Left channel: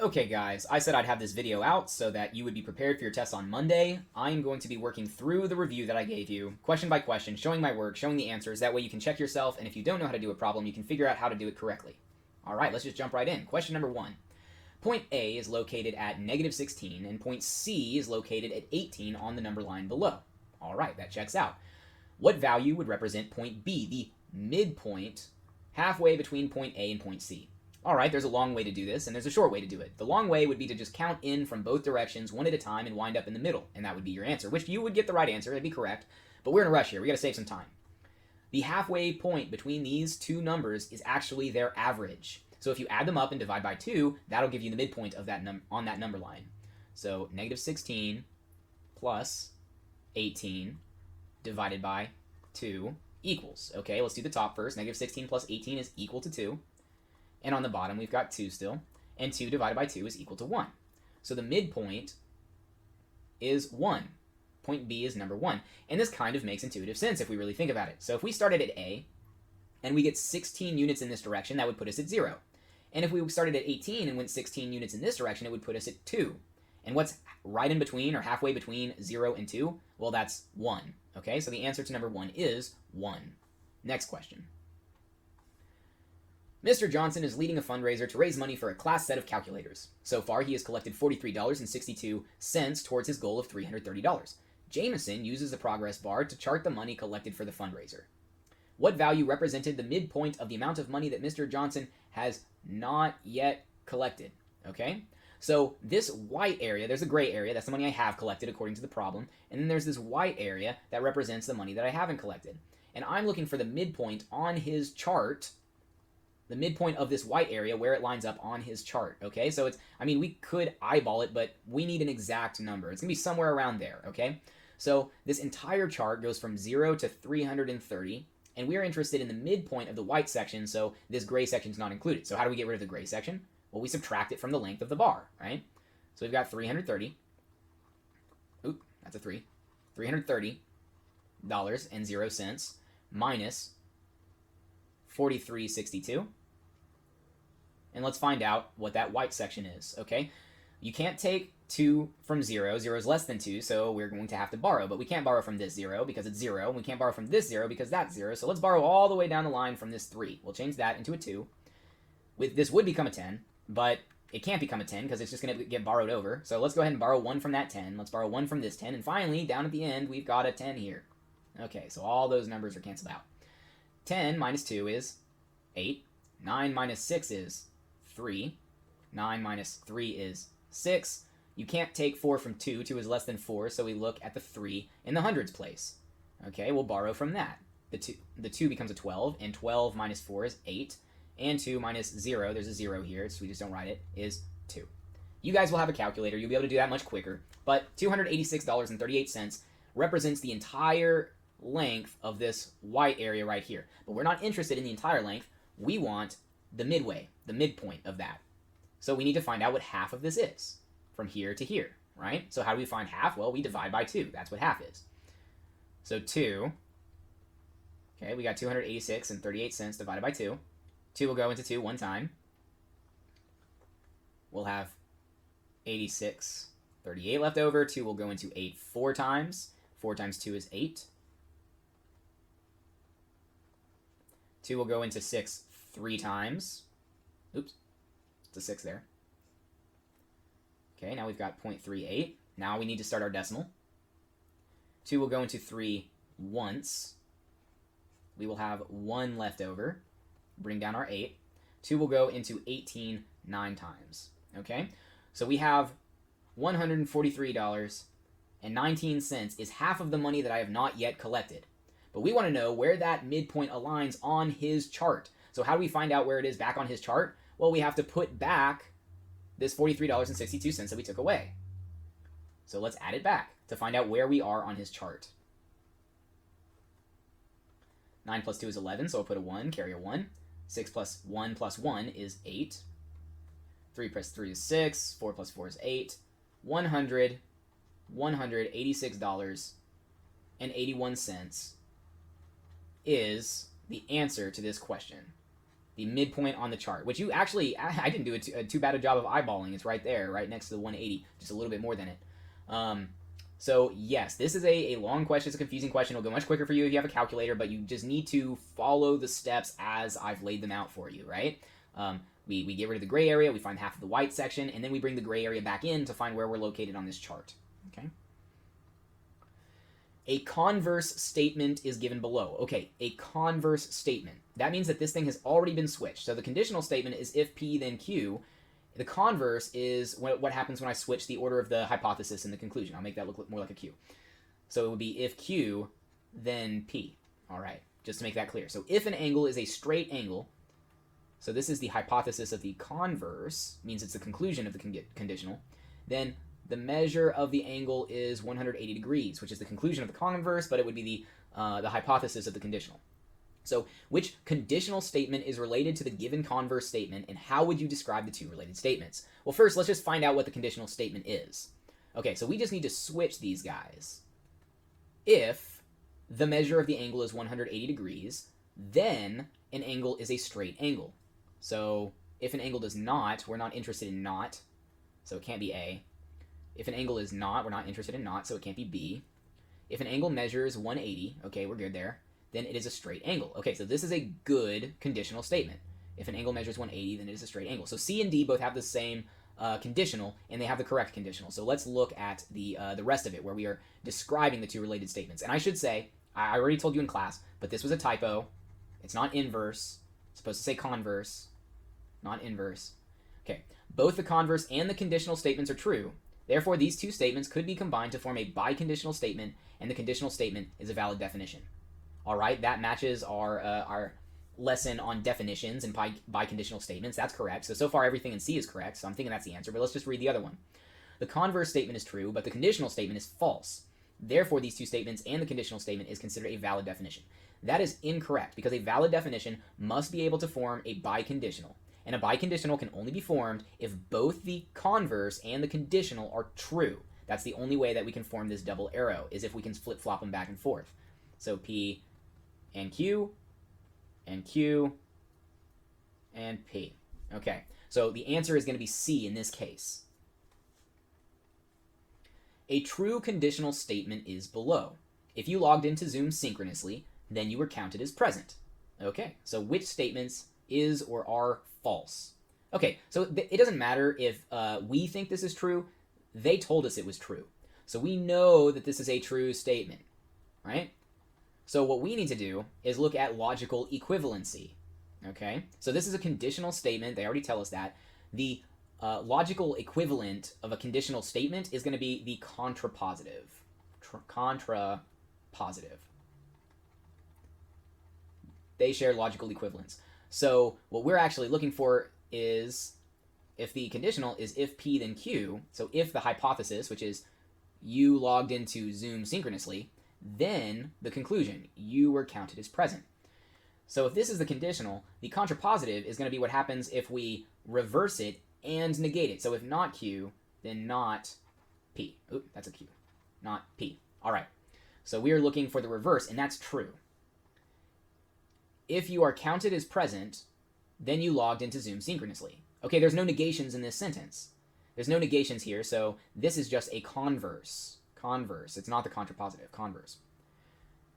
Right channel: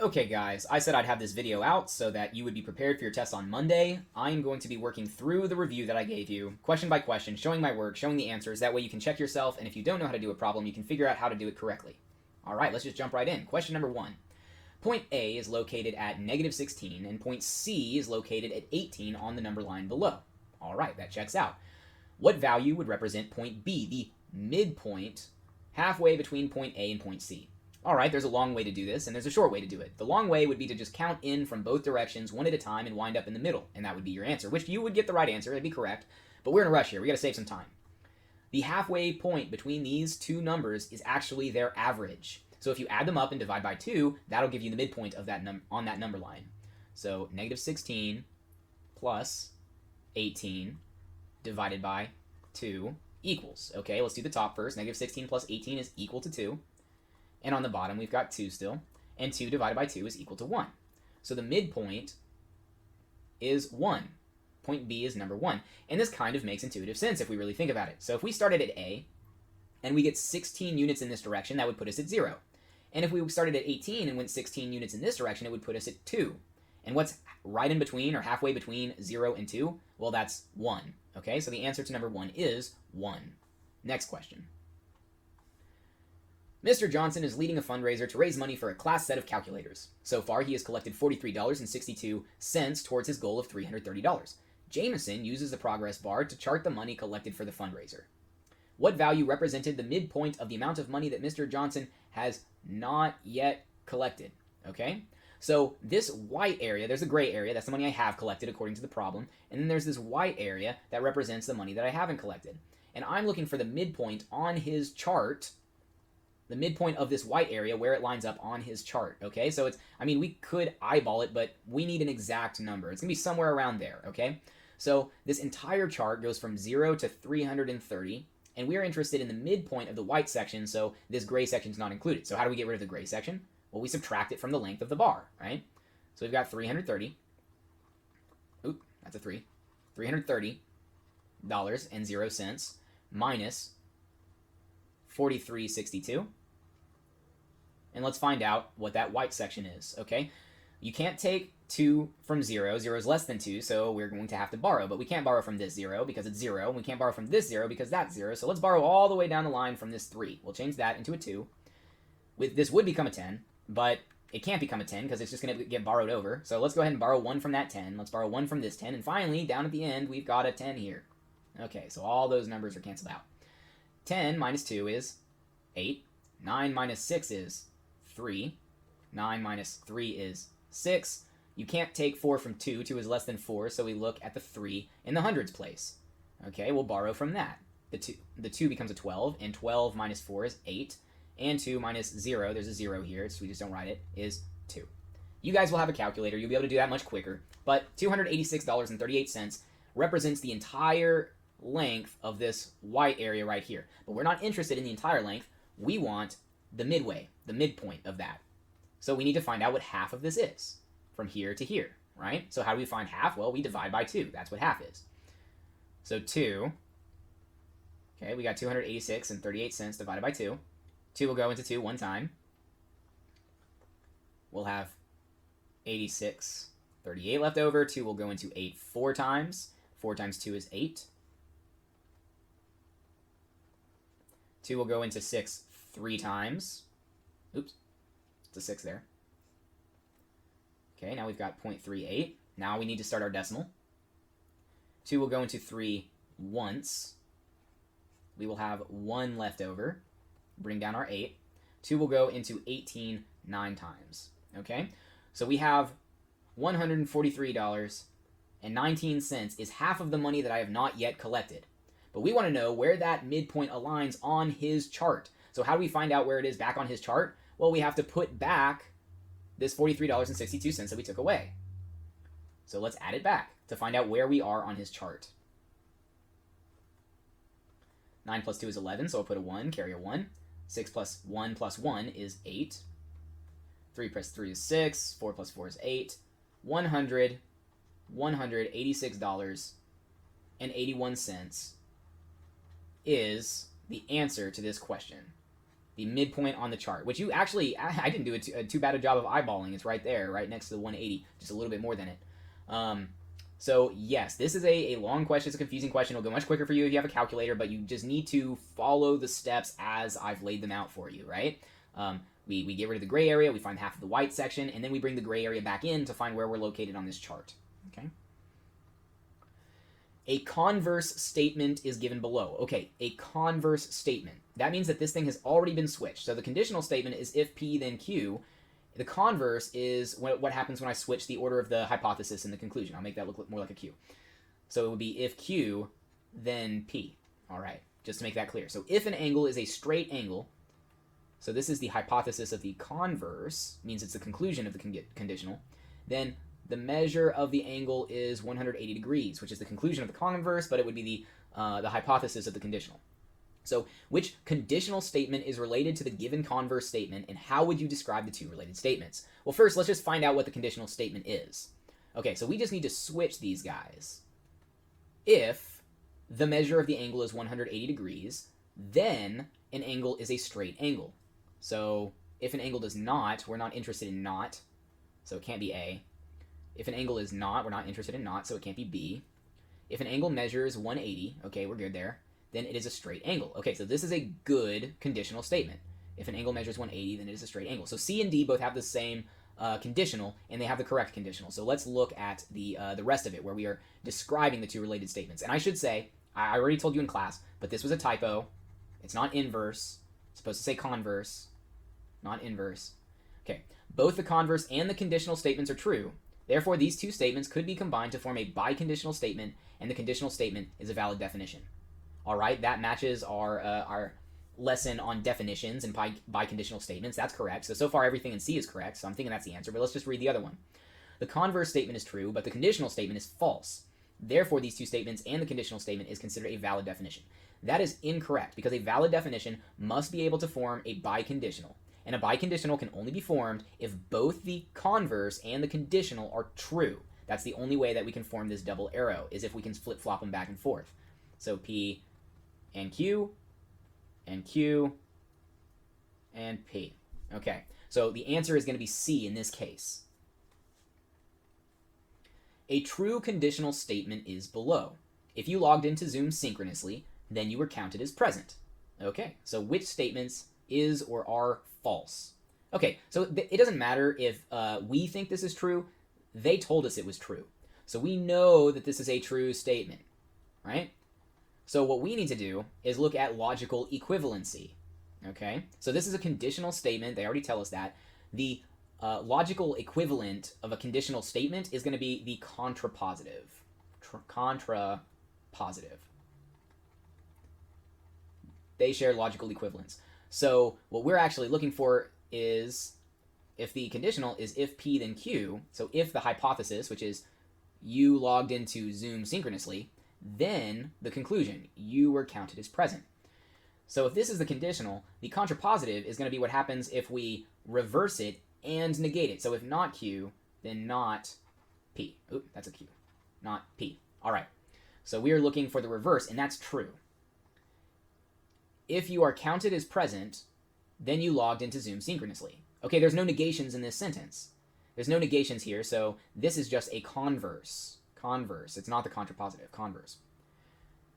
Okay, guys, I said I'd have this video out so that you would be prepared for your test on Monday. I am going to be working through the review that I gave you, question by question, showing my work, showing the answers. That way you can check yourself, and if you don't know how to do a problem, you can figure out how to do it correctly. All right, let's just jump right in. Question number 1. Point A is located at negative 16, and point C is located at 18 on the number line below. All right, that checks out. What value would represent point B, the midpoint, halfway between point A and point C? All right, there's a long way to do this, and there's a short way to do it. The long way would be to just count in from both directions, one at a time, and wind up in the middle, and that would be your answer, which you would get the right answer, it'd be correct, but we're in a rush here, we gotta save some time. The halfway point between these two numbers is actually their average. So if you add them up and divide by 2, that'll give you the midpoint of that on that number line. So negative 16 plus 18 divided by 2 equals. Okay, let's do the top first. Negative 16 plus 18 is equal to 2. And on the bottom, we've got 2 still. And 2 divided by 2 is equal to 1. So the midpoint is 1. Point B is number 1. And this kind of makes intuitive sense if we really think about it. So if we started at A, and we get 16 units in this direction, that would put us at 0. And if we started at 18 and then 16 units in this direction, it would put us at 2. And what's right in between, or halfway between 0 and 2? Well, that's 1. Okay, so the answer to number 1 is 1. Next question. Mr. Johnson is leading a fundraiser to raise money for a class set of calculators. So far, he has collected $43.62 towards his goal of $330. Jameson uses the progress bar to chart the money collected for the fundraiser. What value represented the midpoint of the amount of money that Mr. Johnson has not yet collected? Okay, so this white area, there's a gray area, that's the money I have collected according to the problem, and then there's this white area that represents the money that I haven't collected. And I'm looking for the midpoint on his chart, the midpoint of this white area where it lines up on his chart, okay? So we could eyeball it, but we need an exact number. It's gonna be somewhere around there, okay? So this entire chart goes from 0 to 330, and we're interested in the midpoint of the white section, so this gray section is not included. So how do we get rid of the gray section? Well, we subtract it from the length of the bar, right? So we've got 330. Oop, that's a 3. $330.00 minus 43.62. And let's find out what that white section is, okay? You can't take 2 from 0. 0 is less than 2, so we're going to have to borrow. But we can't borrow from this 0 because it's 0. And we can't borrow from this 0 because that's 0. So let's borrow all the way down the line from this 3. We'll change that into a 2. This would become a 10, but it can't become a 10 because it's just going to get borrowed over. So let's go ahead and borrow 1 from that 10. Let's borrow 1 from this 10. And finally, down at the end, we've got a 10 here. Okay, so all those numbers are canceled out. 10 minus 2 is 8. 9 minus 6 is 3. 9 minus 3 is 6. You can't take 4 from 2. 2 is less than 4, so we look at the 3 in the hundreds place. Okay, we'll borrow from that. The 2 becomes a 12, and 12 minus 4 is 8. And 2 minus 0, there's a 0 here, so we just don't write it, is 2. You guys will have a calculator. You'll be able to do that much quicker. But $286.38 represents the entire length of this white area right here. But we're not interested in the entire length. We want the midway, the midpoint of that. So we need to find out what half of this is from here to here, right? So how do we find half? Well, we divide by 2. That's what half is. So 2, okay, we got $286.38 divided by 2. 2 will go into 2 one time. We'll have 86.38 left over. 2 will go into 8 4 times. 4 times 2 is 8. 2 will go into 6 3 times. Oops, it's a 6 there. Okay, now we've got 0.38. Now we need to start our decimal. 2 will go into 3 once. We will have 1 left over. Bring down our 8. 2 will go into 18 9 times. Okay? So we have $143.19 is half of the money that I have not yet collected. But we want to know where that midpoint aligns on his chart. So how do we find out where it is back on his chart? Well, we have to put back this $43.62 that we took away. So let's add it back to find out where we are on his chart. 9 plus 2 is 11, so I'll put a 1, carry a 1. 6 plus 1 plus 1 is 8. 3 plus 3 is 6. 4 plus 4 is 8. $186.81 is the answer to this question. the midpoint on the chart, which you actually, I didn't do too bad a job of eyeballing. It's right there, right next to the 180, just a little bit more than it. So yes, this is a long question. It's a confusing question. It'll go much quicker for you if you have a calculator, but you just need to follow the steps as I've laid them out for you, right? We get rid of the gray area, we find half of the white section, and then we bring the gray area back in to find where we're located on this chart, okay? A converse statement is given below. Okay, a converse statement. That means that this thing has already been switched. So the conditional statement is if P, then Q. The converse is what happens when I switch the order of the hypothesis and the conclusion. I'll make that look more like a Q. So it would be if Q, then P. All right, just to make that clear. So if an angle is a straight angle, so this is the hypothesis of the converse, means it's the conclusion of the conditional, then the measure of the angle is 180 degrees, which is the conclusion of the converse, but it would be the hypothesis of the conditional. So which conditional statement is related to the given converse statement, and how would you describe the two related statements? Well, first, let's just find out what the conditional statement is. Okay, so we just need to switch these guys. If the measure of the angle is 180 degrees, then an angle is a straight angle. So if an angle does not, we're not interested in not, so it can't be A. If an angle is not, we're not interested in not, so it can't be B. If an angle measures 180, okay, we're good there, then it is a straight angle. Okay, so this is a good conditional statement. If an angle measures 180, then it is a straight angle. So C and D both have the same conditional, and they have the correct conditional. So let's look at the rest of it, where we are describing the two related statements. And I should say, I already told you in class, but this was a typo. It's not inverse. It's supposed to say converse, not inverse. Okay, both the converse and the conditional statements are true. Therefore, these two statements could be combined to form a biconditional statement, and the conditional statement is a valid definition. All right, that matches our lesson on definitions and biconditional statements. That's correct. So far everything in C is correct, so I'm thinking that's the answer, but let's just read the other one. The converse statement is true, but the conditional statement is false. Therefore, these two statements and the conditional statement is considered a valid definition. That is incorrect, because a valid definition must be able to form a biconditional. And a biconditional can only be formed if both the converse and the conditional are true. That's the only way that we can form this double arrow, is if we can flip-flop them back and forth. So P and Q, and Q, and P. Okay, so the answer is going to be C in this case. A true conditional statement is below. If you logged into Zoom synchronously, then you were counted as present. Okay, so which statements is or are false? Okay, so it doesn't matter if we think this is true. They told us it was true. So we know that this is a true statement, right? So what we need to do is look at logical equivalency, okay? So this is a conditional statement. They already tell us that. The logical equivalent of a conditional statement is going to be the contrapositive. Contrapositive. They share logical equivalence. So what we're actually looking for is, if the conditional is if P then Q, so if the hypothesis, which is you logged into Zoom synchronously, then the conclusion, you were counted as present. So if this is the conditional, the contrapositive is going to be what happens if we reverse it and negate it. So if not Q, then not P. Oop, that's a Q. Not P. All right. So we are looking for the reverse, and that's true. If you are counted as present, then you logged into Zoom synchronously. Okay, there's no negations in this sentence. There's no negations here, so this is just a converse. Converse. It's not the contrapositive. Converse.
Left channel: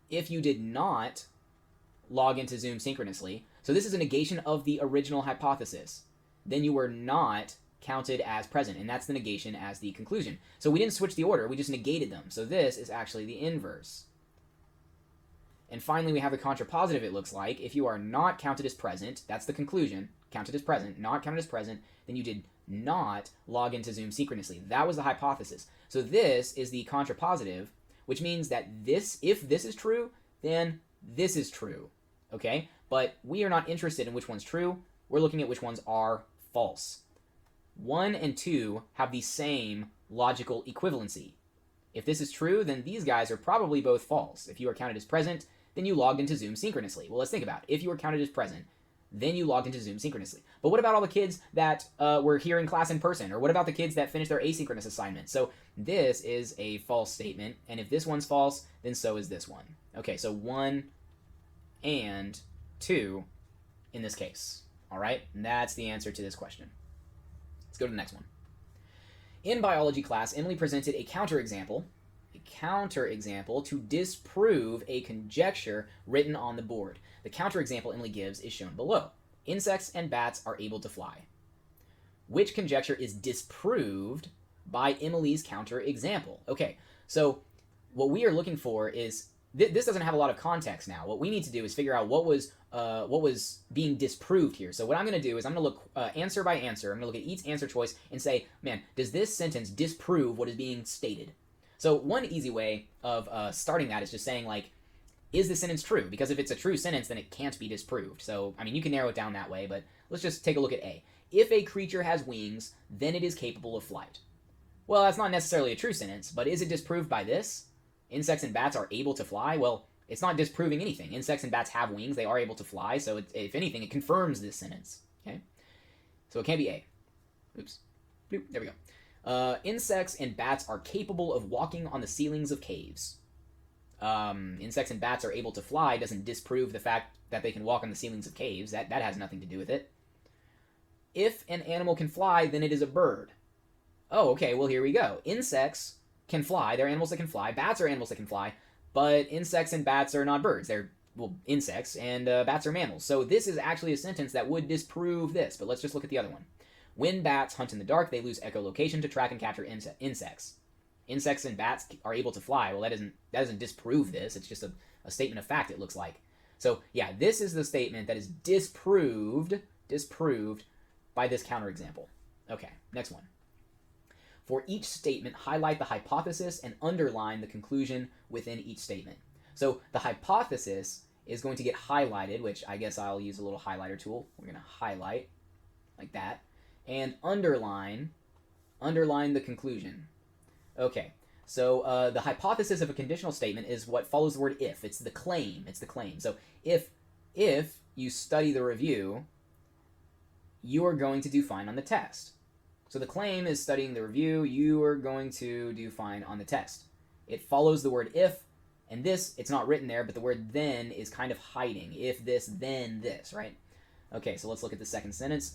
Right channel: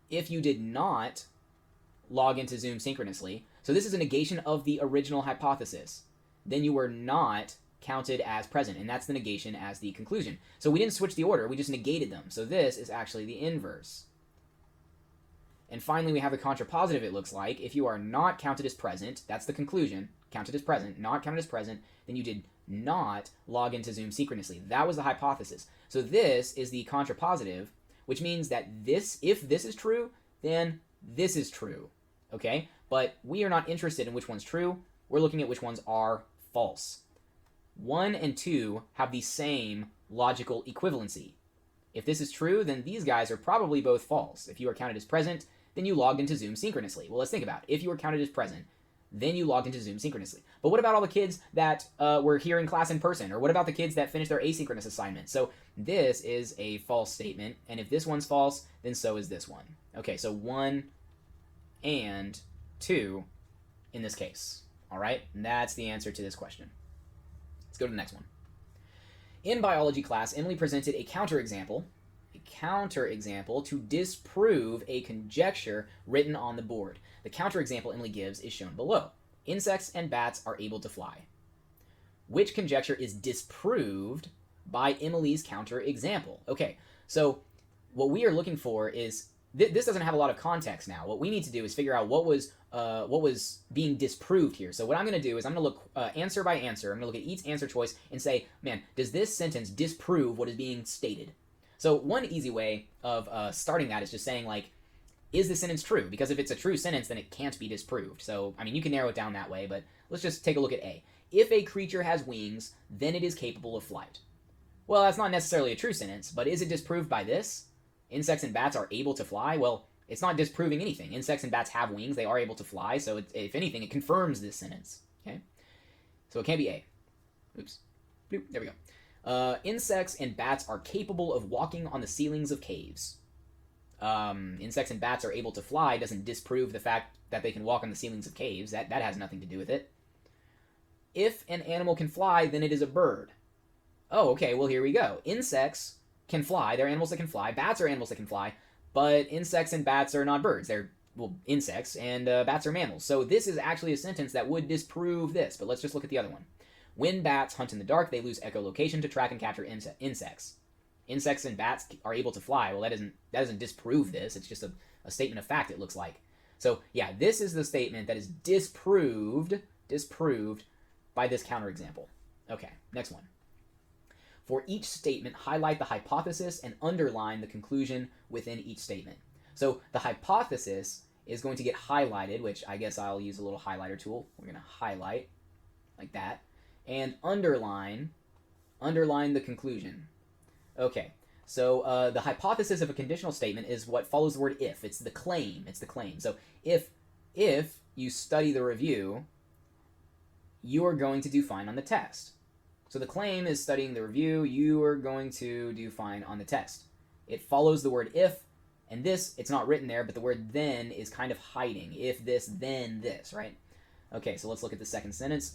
If you did not log into Zoom synchronously, so this is a negation of the original hypothesis, then you were not counted as present, and that's the negation as the conclusion. So we didn't switch the order, we just negated them. So this is actually the inverse. And finally, we have a contrapositive, it looks like. If you are not counted as present, that's the conclusion, counted as present, not counted as present, then you did not log into Zoom synchronously. That was the hypothesis. So this is the contrapositive, which means that this, if this is true, then this is true, okay? But we are not interested in which one's true. We're looking at which ones are false. 1 and 2 have the same logical equivalency. If this is true, then these guys are probably both false. If you are counted as present, then you logged into Zoom synchronously. Well, let's think about it. If you were counted as present, then you logged into Zoom synchronously. But what about all the kids that were here in class in person? Or what about the kids that finished their asynchronous assignment? So this is a false statement, and if this one's false, then so is this one. Okay, so 1 and 2 in this case. All right, and that's the answer to this question. Let's go to the next one. In biology class, Emily presented a counterexample to disprove a conjecture written on the board. The counterexample Emily gives is shown below. Insects and bats are able to fly. Which conjecture is disproved by Emily's counterexample? Okay, so what we are looking for is this doesn't have a lot of context now. What we need to do is figure out what was being disproved here. So what I'm going to do is I'm going to look answer by answer. I'm going to look at each answer choice and say, man, does this sentence disprove what is being stated? So one easy way of starting that is just saying, like, is the sentence true? Because if it's a true sentence, then it can't be disproved. So, I mean, you can narrow it down that way, but let's just take a look at A. If a creature has wings, then it is capable of flight. Well, that's not necessarily a true sentence, but is it disproved by this? Insects and bats are able to fly? Well, it's not disproving anything. Insects and bats have wings. They are able to fly, so if anything, it confirms this sentence. Okay? So it can't be A. Oops. There we go. Insects and bats are capable of walking on the ceilings of caves. Insects and bats are able to fly doesn't disprove the fact that they can walk on the ceilings of caves. That has nothing to do with it. If an animal can fly, then it is a bird. Oh, okay, well, here we go. Insects can fly. They're animals that can fly. Bats are animals that can fly. But insects and bats are not birds. They're, well, insects, and bats are mammals. So this is actually a sentence that would disprove this. But let's just look at the other one. When bats hunt in the dark, they lose echolocation to track and capture insects. Insects and bats are able to fly. Well, that doesn't disprove this. It's just a statement of fact, it looks like. So, yeah, this is the statement that is disproved by this counterexample. Okay, next one. For each statement, highlight the hypothesis and underline the conclusion within each statement. So the hypothesis is going to get highlighted, which I guess I'll use a little highlighter tool. We're going to highlight like that. And underline the conclusion. Okay, so the hypothesis of a conditional statement is what follows the word if. It's the claim. So if you study the review, you are going to do fine on the test. So the claim is studying the review, you are going to do fine on the test. It follows the word if, and this, it's not written there, but the word then is kind of hiding. If this, then this, right? Okay, so let's look at the second sentence.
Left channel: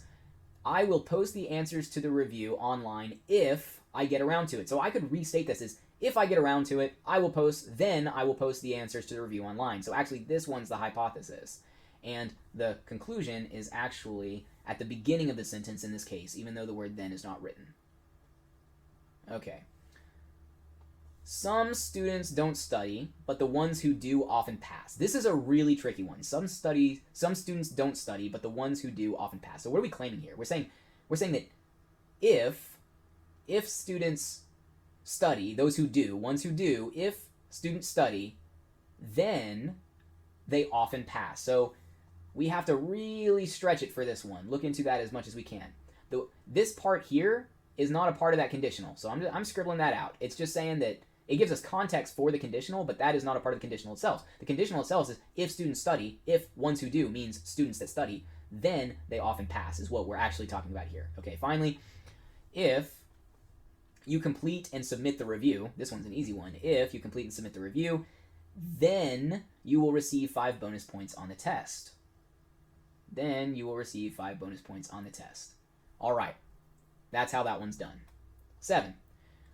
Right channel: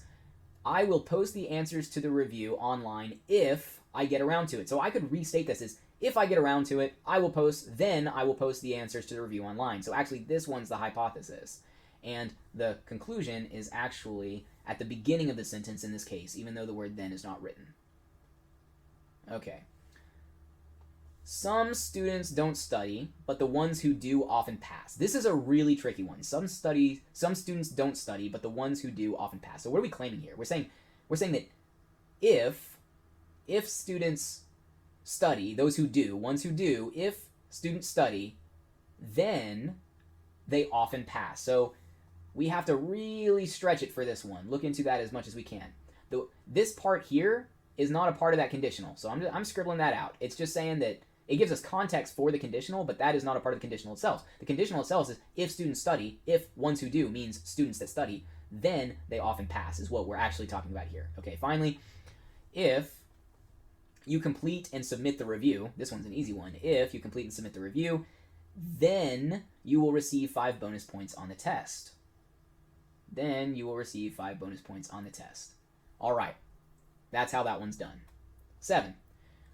I will post the answers to the review online if I get around to it. So I could restate this as, if I get around to it, I will post the answers to the review online. So actually, this one's the hypothesis. And the conclusion is actually at the beginning of the sentence in this case, even though the word then is not written. Okay. Some students don't study, but the ones who do often pass. This is a really tricky one. Some students don't study, but the ones who do often pass. So what are we claiming here? We're saying that if students study, those who do, ones who do, if students study, then they often pass. So we have to really stretch it for this one. Look into that as much as we can. This part here is not a part of that conditional, so I'm scribbling that out. It's just saying that it gives us context for the conditional, but that is not a part of the conditional itself. The conditional itself is if students study, if ones who do means students that study, then they often pass is what we're actually talking about here. Okay, finally, if you complete and submit the review, this one's an easy one. If you complete and submit the review, then you will receive 5 bonus points on the test. All right. That's how that one's done. 7.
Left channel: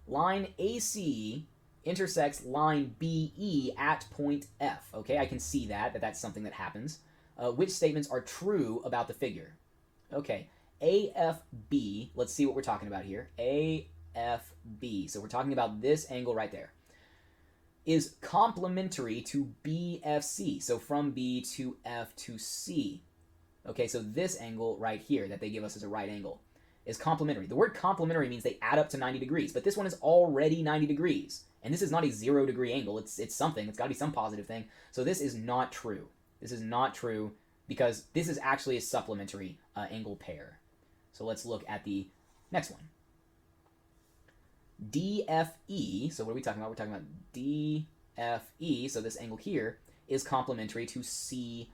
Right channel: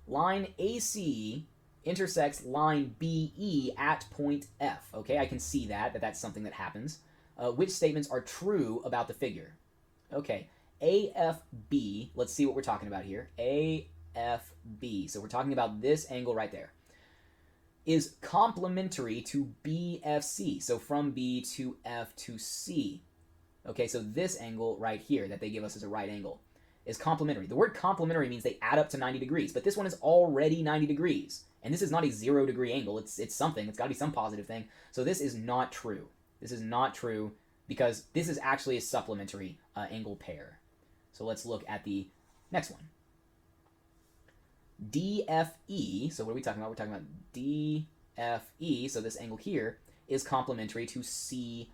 Line AC intersects line BE at point F. Okay, I can see that's something that happens. Which statements are true about the figure? Okay, AFB, let's see what we're talking about here. AFB, so we're talking about this angle right there, is complementary to BFC, so from B to F to C. Okay, so this angle right here that they give us as a right angle is complementary. The word complementary means they add up to 90 degrees, but this one is already 90 degrees. And this is not a 0 degree angle. It's something. It's got to be some positive thing. So this is not true. This is not true because this is actually a supplementary angle pair. So let's look at the next one. DFE, so what are we talking about? We're talking about DFE, so this angle here is complementary to CFD.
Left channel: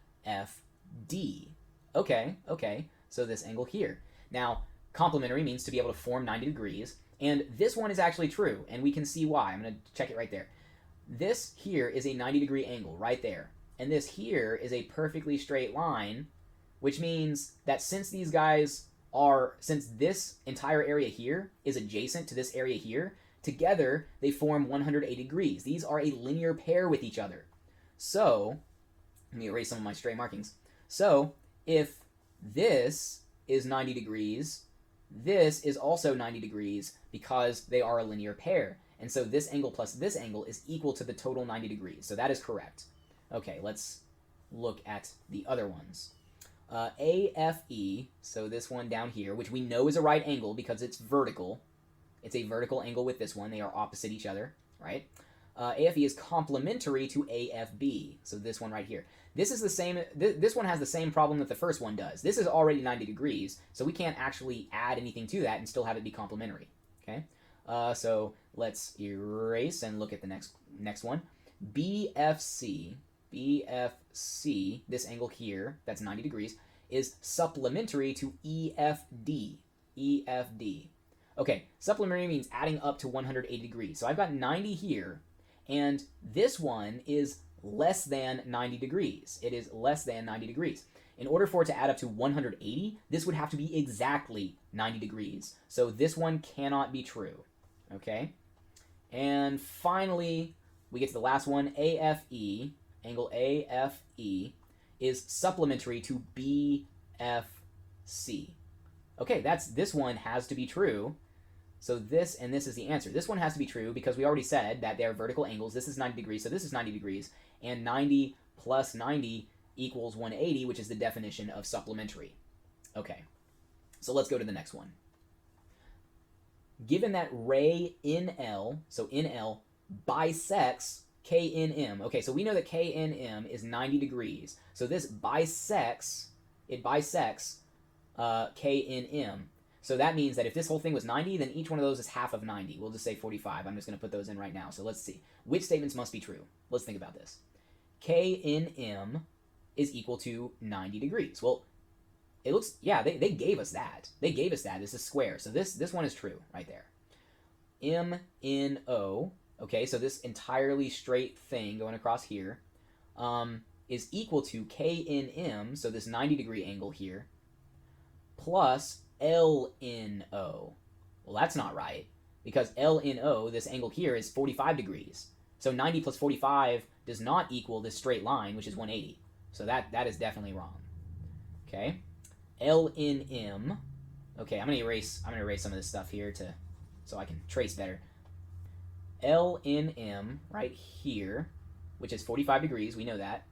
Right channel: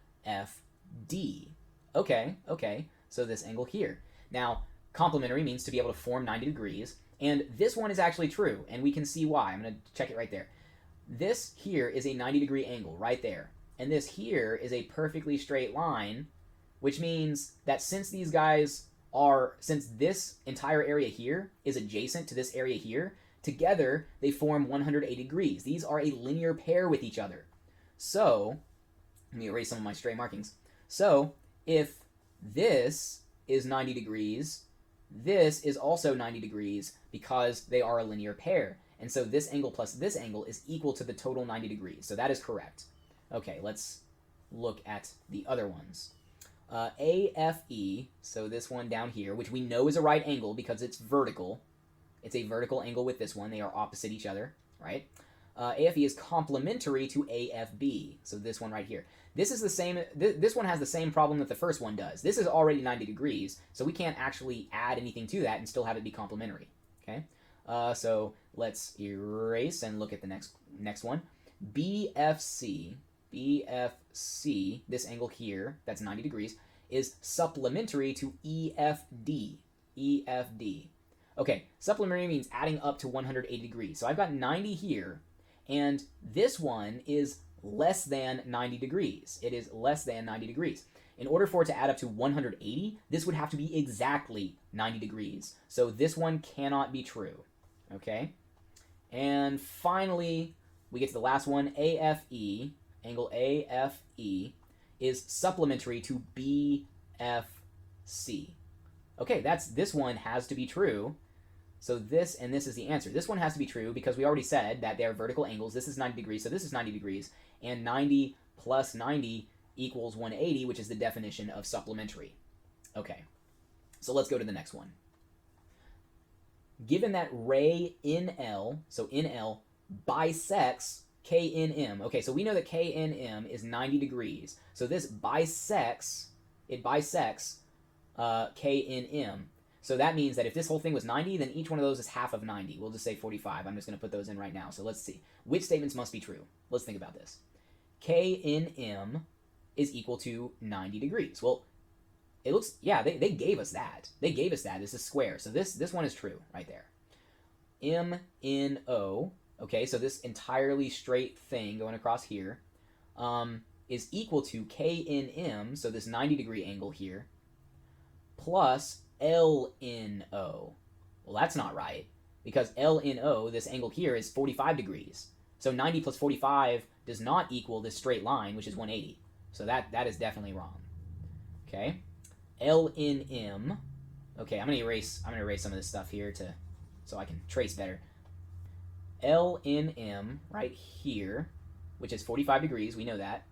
Okay, so this angle here. Now, complementary means to be able to form 90 degrees, and this one is actually true, and we can see why. I'm going to check it right there. This here is a 90 degree angle right there, and this here is a perfectly straight line which means that since this entire area here is adjacent to this area here, together they form 180 degrees. These are a linear pair with each other. So, let me erase some of my stray markings. So, if this is 90 degrees, this is also 90 degrees because they are a linear pair. And so this angle plus this angle is equal to the total 90 degrees. So that is correct. Okay, let's look at the other ones. AFE, so this one down here, which we know is a right angle because it's vertical. It's a vertical angle with this one. They are opposite each other, right? AFE is complementary to AFB, so this one right here. This is the same. This one has the same problem that the first one does. This is already 90 degrees, so we can't actually add anything to that and still have it be complementary. Okay, so let's erase and look at the next one. BFC. BFC, this angle here, that's 90 degrees, is supplementary to EFD. EFD. Okay, supplementary means adding up to 180 degrees. So I've got 90 here, and this one is less than 90 degrees. It is less than 90 degrees. In order for it to add up to 180, this would have to be exactly 90 degrees. So this one cannot be true. Okay? And finally, we get to the last one, AFE. Angle AFE is supplementary to BFC. Okay, this one has to be true. So this and this is the answer. This one has to be true because we already said that they're vertical angles. This is 90 degrees, so this is 90 degrees. And 90 plus 90 equals 180, which is the definition of supplementary. Okay, so let's go to the next one. Given that ray NL, so NL, bisects KNM. Okay, so we know that KNM is 90 degrees. So this bisects KNM. So that means that if this whole thing was 90, then each one of those is half of 90. We'll just see 45. I'm just going to put those in right now. So let's see. Which statements must be true? Let's think about this. KNM is equal to 90 degrees. Well, it looks, yeah, they gave us that. They gave us that. It's a square. So this one is true right there. MNO, okay, so this entirely straight thing going across here is equal to KNM, so this 90 degree angle here, plus LNO. Well, that's not right, because LNO, this angle here, is 45 degrees. So 90 plus 45 does not equal this straight line, which is 180. So that is definitely wrong. Okay. LNM. Okay, I'm gonna erase some of this stuff here so I can trace better. LNM right here, which is 45 degrees, we know that.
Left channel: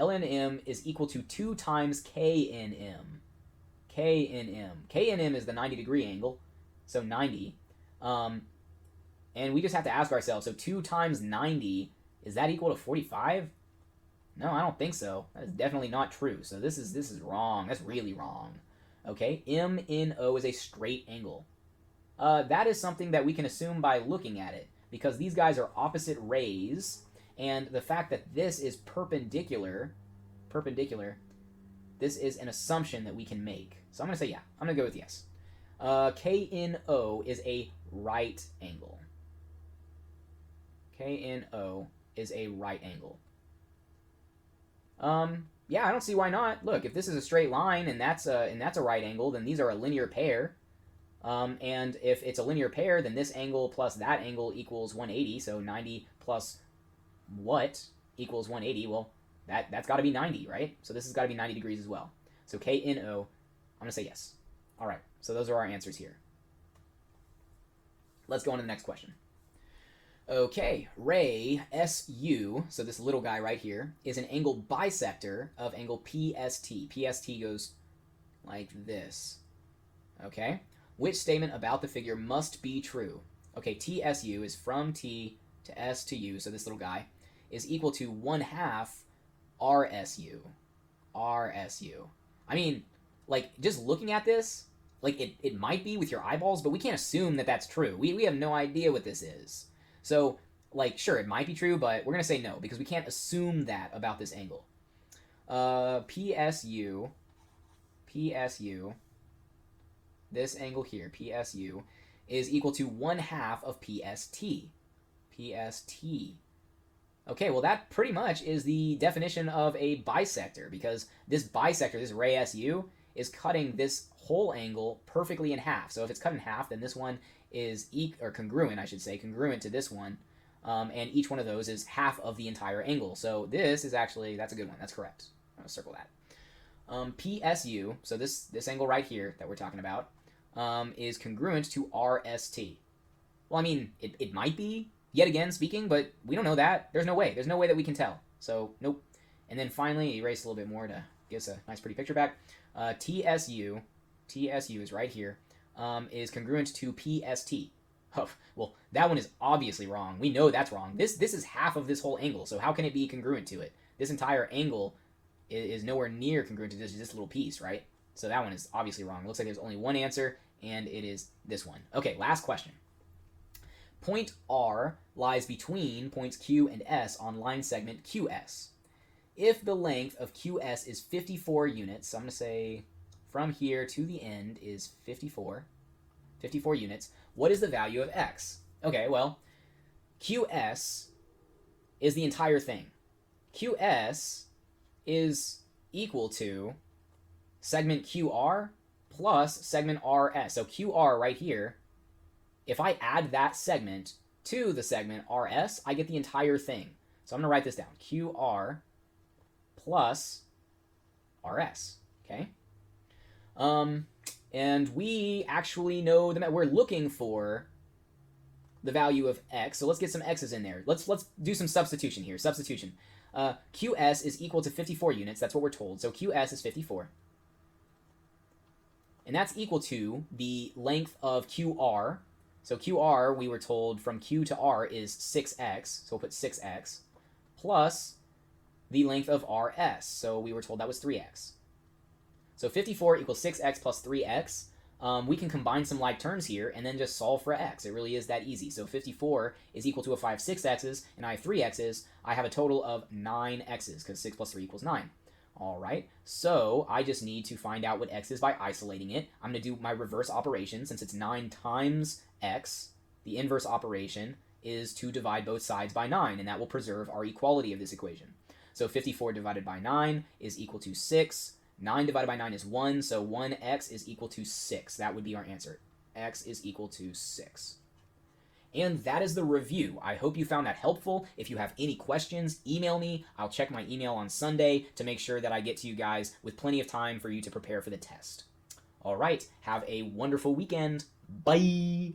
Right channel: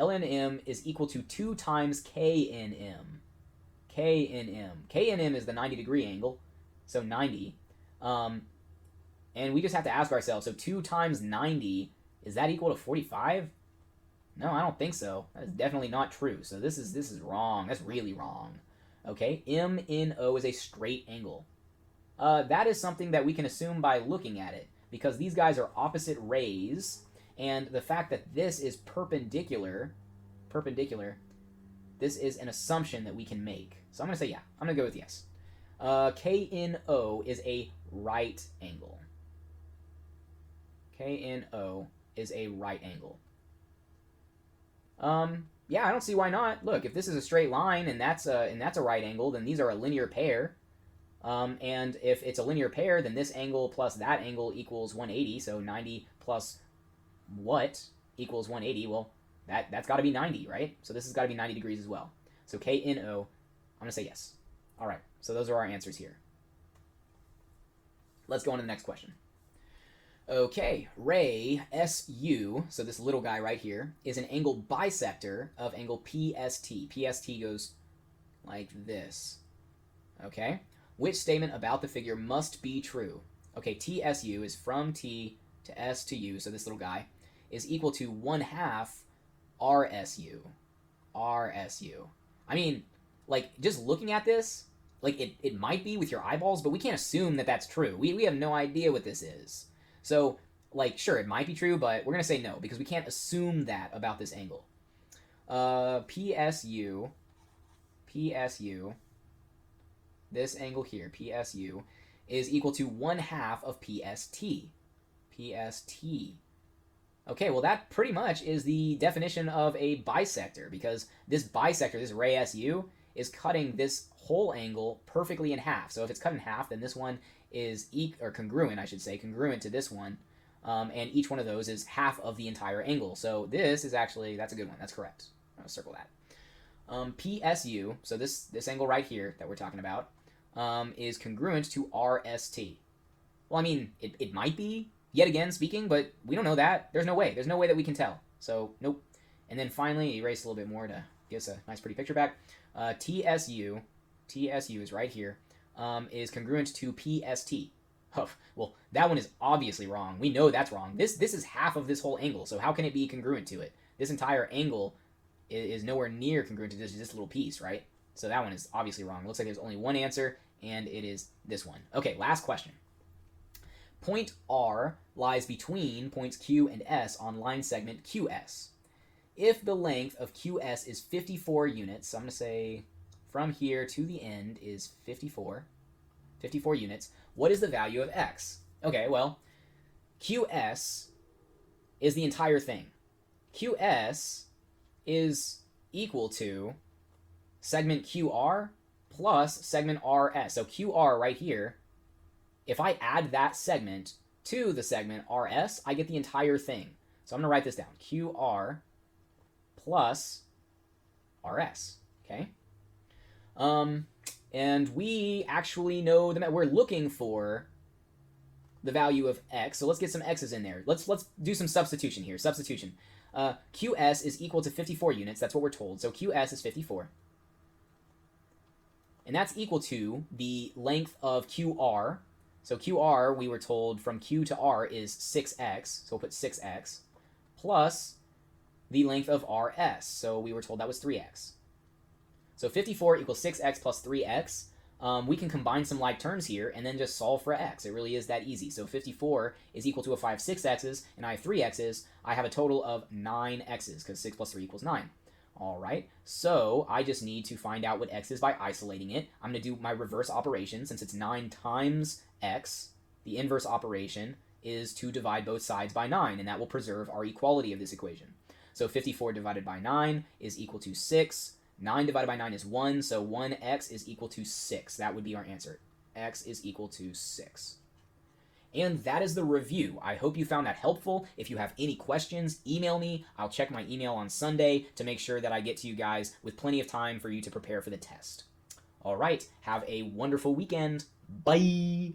LNM is equal to 2 times KNM. KNM is the 90 degree angle, so 90. And we just have to ask ourselves, so 2 times 90, is that equal to 45? No, I don't think so. That is definitely not true. So this is wrong. That's really wrong. Okay, MNO is a straight angle. That is something that we can assume by looking at it, because these guys are opposite rays, and the fact that this is perpendicular, this is an assumption that we can make. So I'm going to say yeah. I'm going to go with yes. KNO is a right angle. KNO is a right angle. Yeah, I don't see why not. Look, if this is a straight line and that's a right angle, then these are a linear pair. And if it's a linear pair, then this angle plus that angle equals 180. So 90 plus what equals 180? Well, that's got to be 90, right? So this has got to be 90 degrees as well. So KNO, I'm going to say yes. All right, so those are our answers here. Let's go on to the next question. Okay, ray SU, so this little guy right here, is an angle bisector of angle PST. PST goes like this. Okay? Which statement about the figure must be true? Okay, TSU is from T to S to U, so this little guy, is equal to 1/2 RSU. RSU. I mean, like, just looking at this, like, it might be with your eyeballs, but we can't assume that that's true. We have no idea what this is. So, like, sure, it might be true, but we're going to say no, because we can't assume that about this angle. PSU, this angle here, PSU, is equal to 1/2 of PST. PST. Okay, well that pretty much is the definition of a bisector, because this bisector, this ray SU, is cutting this whole angle perfectly in half. So if it's cut in half, then this one is congruent, I should say, congruent to this one, and each one of those is half of the entire angle. So this is actually, that's a good one. That's correct. I'm gonna circle that. PSU, so this angle right here that we're talking about, is congruent to RST. Well, I mean, it might be, yet again speaking, but we don't know that. There's no way. There's no way that we can tell. So, nope. And then finally, erase a little bit more to get us a nice pretty picture back. TSU is right here, is congruent to PST. Well, that one is obviously wrong. We know that's wrong. This is half of this whole angle, so how can it be congruent to it? This entire angle is nowhere near congruent to this little piece, right? So that one is obviously wrong. Looks like there's only one answer, and it is this one. Okay, last question. Point R lies between points Q and S on line segment QS. If the length of QS is 54 units, so I'm going to say from here to the end is 54 units, what is the value of X? Okay, well, QS is the entire thing. QS is equal to segment QR plus segment RS. So QR right here, if I add that segment to the segment RS, I get the entire thing. So I'm going to write this down. QR plus RS. Okay. And we actually know that we're looking for the value of X. Let's do some substitution here. Substitution. QS is equal to 54 units. That's what we're told. So QS is 54. And that's equal to the length of QR. So QR, we were told, from Q to R is 6x. So we'll put 6x. Plus the length of RS. So we were told that was 3x. So 54 equals 6x plus 3x. We can combine some like terms here and then just solve for x. It really is that easy. So 54 is equal to if I have 6x's and I have 3x's, I have a total of 9x's, because 6 plus 3 equals 9. All right, so I just need to find out what x is by isolating it. I'm going to do my reverse operation. Since it's 9 times x, the inverse operation is to divide both sides by 9, and that will preserve our equality of this equation. So 54 divided by 9 is equal to 6. 9 divided by 9 is 1, so 1x is equal to 6. That would be our answer. X is equal to 6. And that is the review. I hope you found that helpful. If you have any questions, email me. I'll check my email on Sunday to make sure that I get to you guys with plenty of time for you to prepare for the test. All right, have a wonderful weekend. Bye!